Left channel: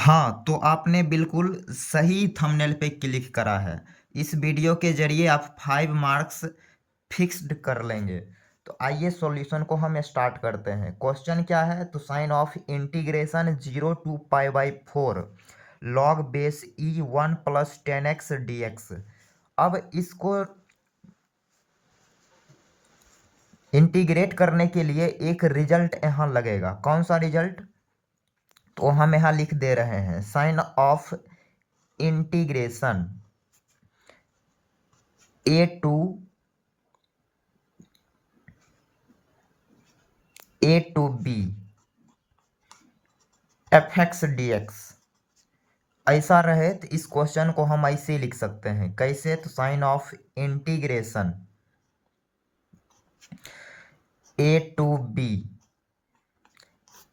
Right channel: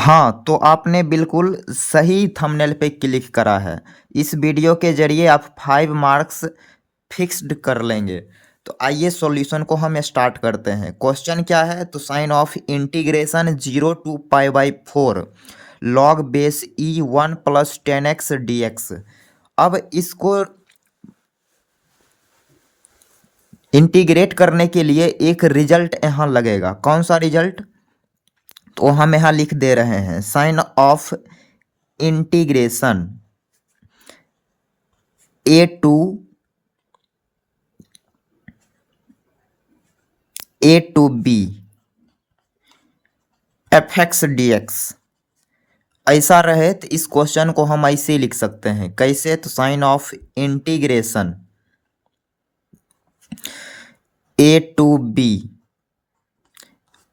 हाँ, तो आपने बिल्कुल सही थंबनेल पे क्लिक करा है। इस वीडियो के ज़रिए आप 5 मार्क्स फिक्स्ड कर लेंगे। तो आइए सॉल्यूशन को हम स्टार्ट करते हैं। क्वेश्चन क्या है? तो sign of integration 0 to pi by 4 log base e 1 plus 10x dx। अब इसको इंटीग्रेट करने के लिए एक रिजल्ट यहाँ लगेगा। कौन सा रिजल्ट? तो हम यहाँ लिख दे रहे हैं sign of integration a to b f x d x ऐसा रहे तो इस क्वेश्चन को हम ऐसे ही लिख सकते हैं। कैसे? तो sign of integration a to b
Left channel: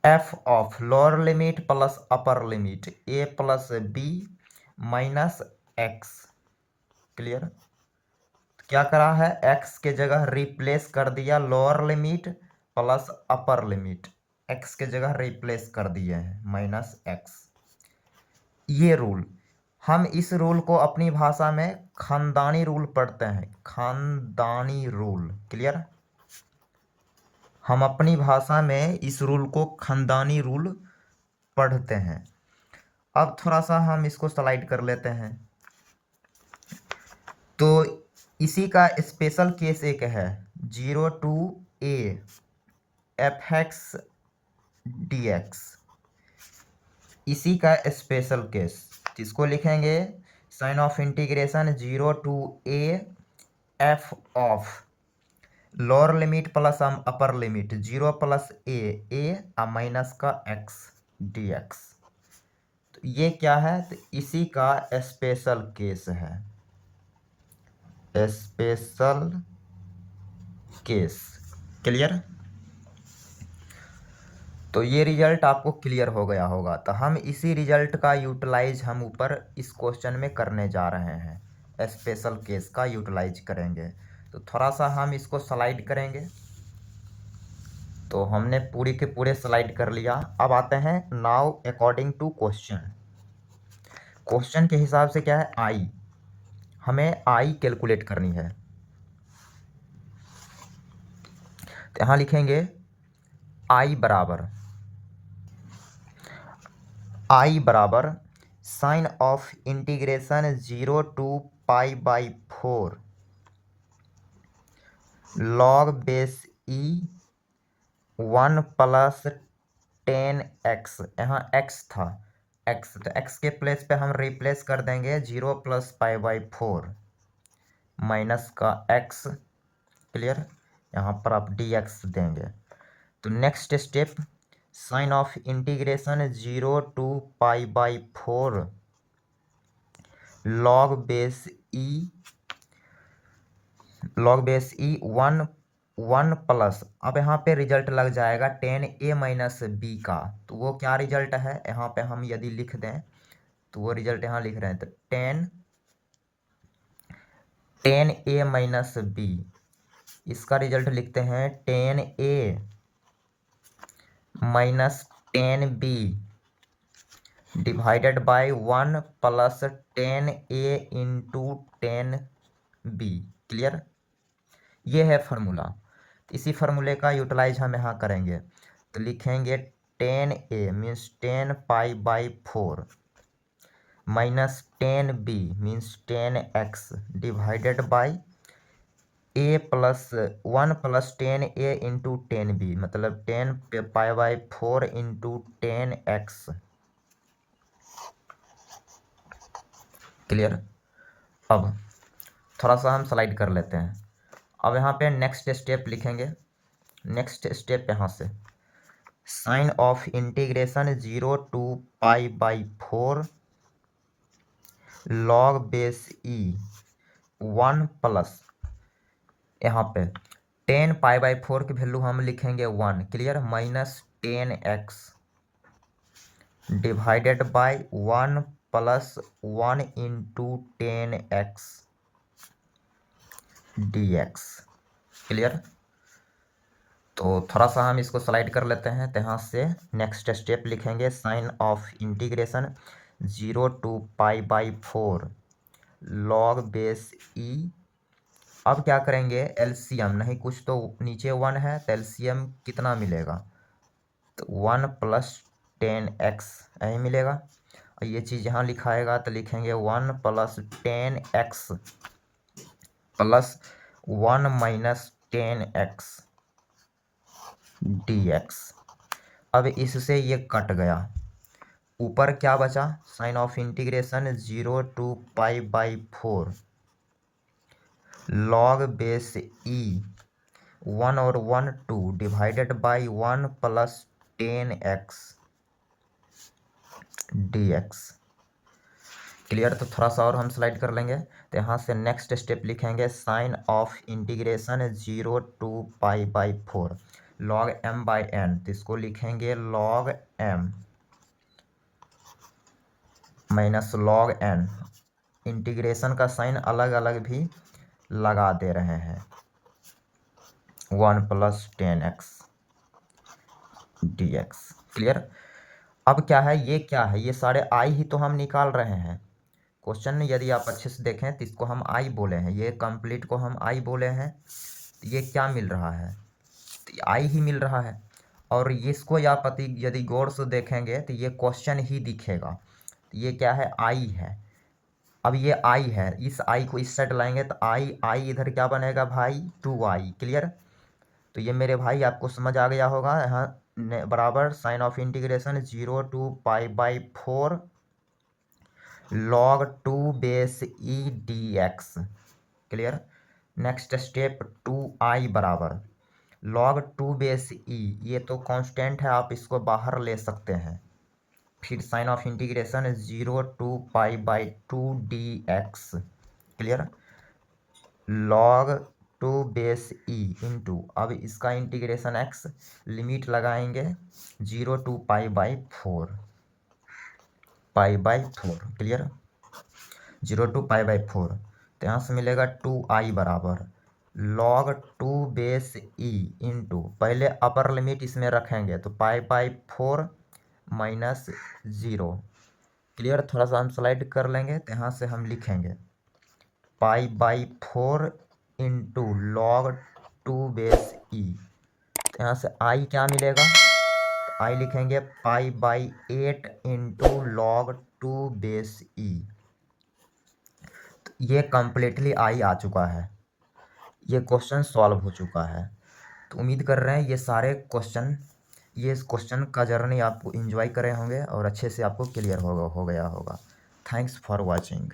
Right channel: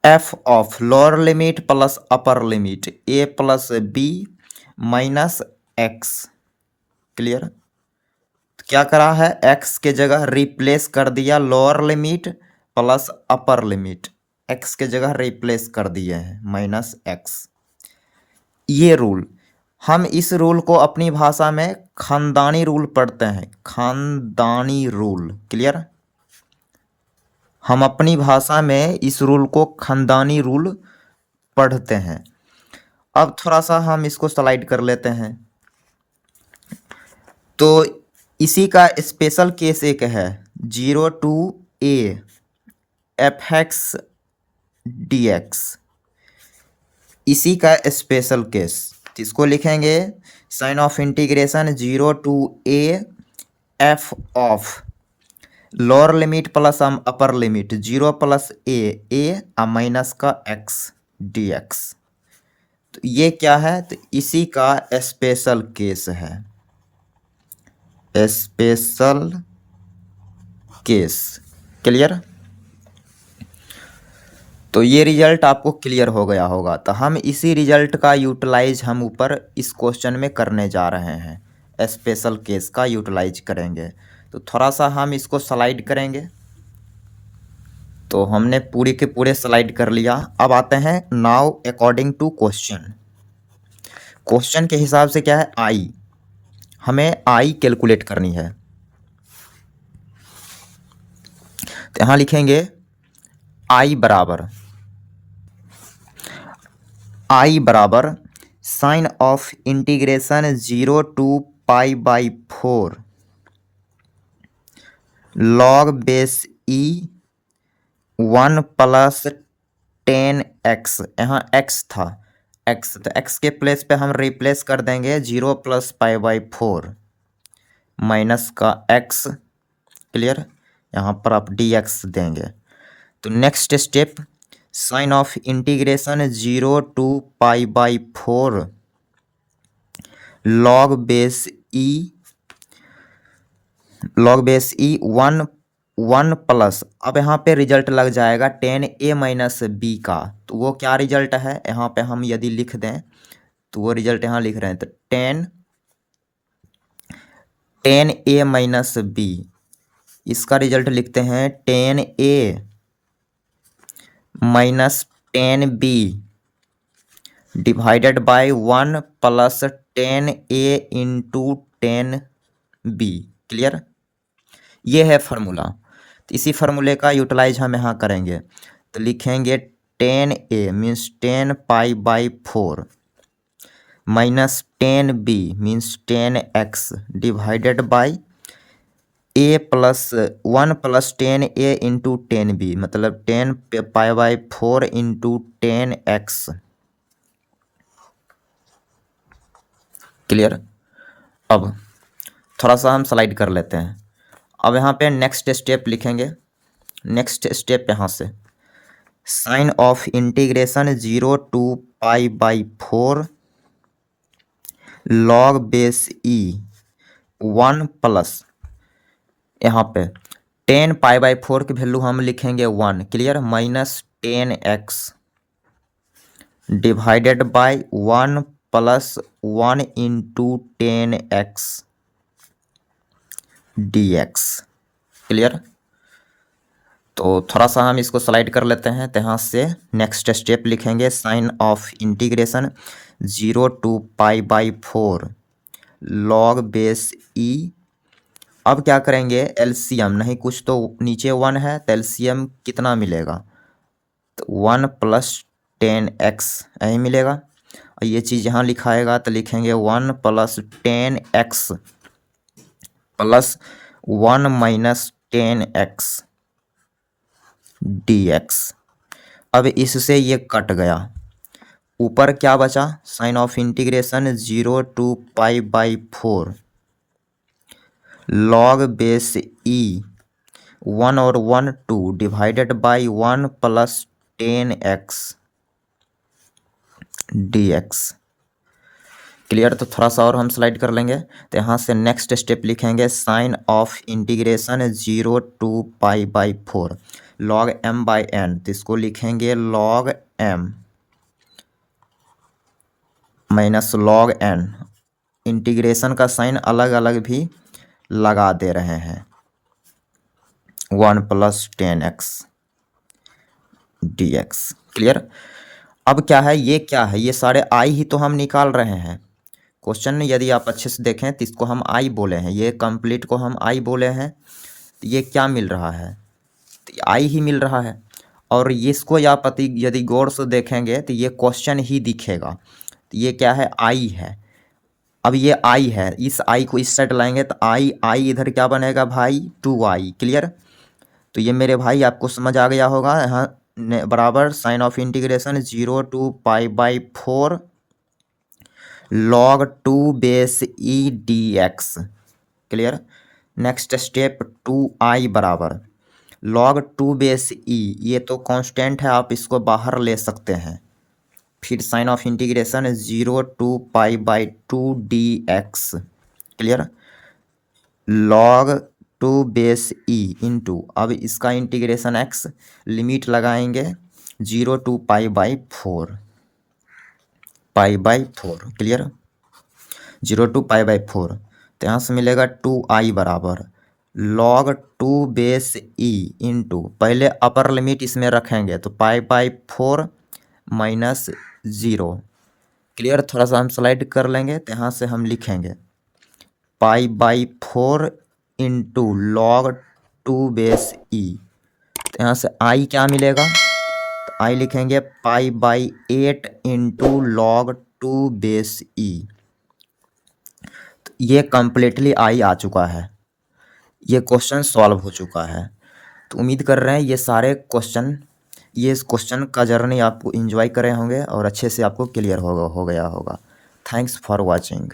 f of lower limit plus upper limit a plus b minus x. Clear? तो क्या करा है? एक्स के जगह रिप्लेस कर दिया lower limit plus upper limit, x के जगह रिप्लेस कर दिए हैं माइनस एक्स। ये रूल, हम इस रूल को अपनी भाषा में खानदानी रूल पढ़ते हैं। खानदानी रूल। क्लियर? हम अपनी भाषा में इस रूल को खानदानी रूल पढ़ते हैं। अब थोड़ा सा हम इसको स्लाइड कर लेते हैं। तो इसी का स्पेशल केस एक है 0 to a f x d x, इसी का स्पेशल केस। तो इसको लिखेंगे sign of integration 0 to a f of lower limit plus upper limit 0 plus a minus का एक्स डी एक्स। तो ये क्या है? तो इसी का स्पेशल केस है, स्पेशल केस। क्लियर? तो ये रिजल्ट आपको क्लियर हो गया होगा। तो हम इसी रिजल्ट का यूटिलाइज हम ऊपर इस क्वेश्चन में करने जा रहे हैं। स्पेशल केस का यूटिलाइज करेंगे। तो थोड़ा सा हम इसको स्लाइड करेंगे। तो हमने पूरी के पूरे स्लाइड कर लिया। अब आते हैं now according to question. Question के हिसाब से क्या है? आई, हमें आई कैलकुलेट करनी है। तो यहाँ लिखेंगे आई बराबर sign of integration 0 to pi by 4 log base e 1 plus 10x। यहाँ x था, x, तो x के प्लेस पे हम रिप्लेस कर देंगे 0 प्लस पाई बाई 4 माइनस का x। क्लियर? यहाँ पर आप dx देंगे। तो next step sign of integration 0 to pi by 4 log base e 1 plus, अब यहाँ पे रिजल्ट लग जाएगा 10a माइनस बी का। तो वो क्या रिजल्ट है? यहाँ पे हम यदि लिख दें तो वो रिजल्ट यहाँ लिख रहे हैं। तो 10a माइनस बी, इसका रिजल्ट लिखते हैं 10a minus 10b divided by 1 plus 10a into 10b। Clear? ये है फार्मूला। तो इसी फार्मूले का यूटिलाइज हम यहाँ करेंगे। तो लिखेंगे 10a means 10 pi by 4 minus 10b means 10x divided by a plus 1 plus 10a into 10b, मतलब 10 पाई बाई 4 इंटू 10x। क्लियर? अब थोड़ा सा हम स्लाइड कर लेते हैं। अब यहाँ पे नेक्स्ट स्टेप लिखेंगे। नेक्स्ट स्टेप यहाँ से sign of integration 0 to pi by 4 log base e 1 plus, यहाँ पे 10 पाई बाई 4 की वैल्यू हम लिखेंगे 1। Clear? Minus 10x divided by 1 plus 1 into 10x dx। Clear? तो थोड़ा सा हम इसको स्लाइड कर लेते हैं। तो यहाँ से नेक्स्ट स्टेप लिखेंगे sign of integration 0 to π/4 log base e. अब क्या करेंगे, एलसीएम नहीं, कुछ तो नीचे 1 है तो एलसीएम कितना मिलेगा, तो 1 + 10x यही मिलेगा। और ये चीज़ यहाँ लिखाएगा तो लिखेंगे 1 + 10x + 1 - 10x dx। अब इससे ये कट गया, ऊपर क्या बचा, sign of integration 0 to π/4 log base e 1 और 1 2 divided by 1 + 10x dx। Clear. तो थोड़ा सा और हम स्लाइड कर लेंगे। तो यहाँ से नेक्स्ट स्टेप लिखेंगे sign of integration 0 to π/4 log m/n। तो इसको लिखेंगे log m - log n। Integration का साइन अलग अलग भी लगा दे रहे हैं, 1 + 10x dx। क्लियर। अब क्या है, ये क्या है, ये सारे आई ही तो हम निकाल रहे हैं। क्वेश्चन में यदि आप अच्छे से देखें तो इसको हम आई बोले हैं, ये कंप्लीट को हम आई बोले हैं। तो ये क्या मिल रहा है, तो आई ही मिल रहा है। और इसको आप यदि गौर से देखेंगे तो ये क्वेश्चन ही दिखेगा। तो ये क्या है, आई है। अब ये आई है, इस आई को इस साइड लाएंगे तो आई आई इधर क्या बनेगा भाई, 2i। क्लियर। तो ये मेरे भाई आपको समझ आ गया होगा। यहाँ बराबर sign of integration 0 to π/4 log 2 base e dx। Clear. Next step 2i बराबर log 2 बेस ई, ये तो कांस्टेंट है, आप इसको बाहर ले सकते हैं। फिर sign of integration 0 to π/2 dx। Clear. log 2 base e into, अब इसका इंटीग्रेशन x, लिमिट लगाएंगे 0 to π/4 क्लियर, 0 to π/4। तो यहाँ से मिलेगा 2i बराबर log 2 बेस ई इंटू, पहले अपर लिमिट इसमें रखेंगे तो π/4 - 0। क्लियर। थोड़ा सा हम स्लाइड कर लेंगे तो यहाँ से हम लिखेंगे π/4 इंटू log 2 बेस ई। तो यहाँ से i क्या मिलेगा, तो i लिखेंगे π/8 इंटू log 2 बेस ई। तो ये कंप्लीटली i आ चुका है, ये क्वेश्चन सॉल्व हो चुका है। तो उम्मीद कर रहे हैं ये सारे क्वेश्चन, ये इस क्वेश्चन का जर्नी आपको एंजॉय करे होंगे और अच्छे से आपको क्लियर हो गया होगा। Thanks for watching.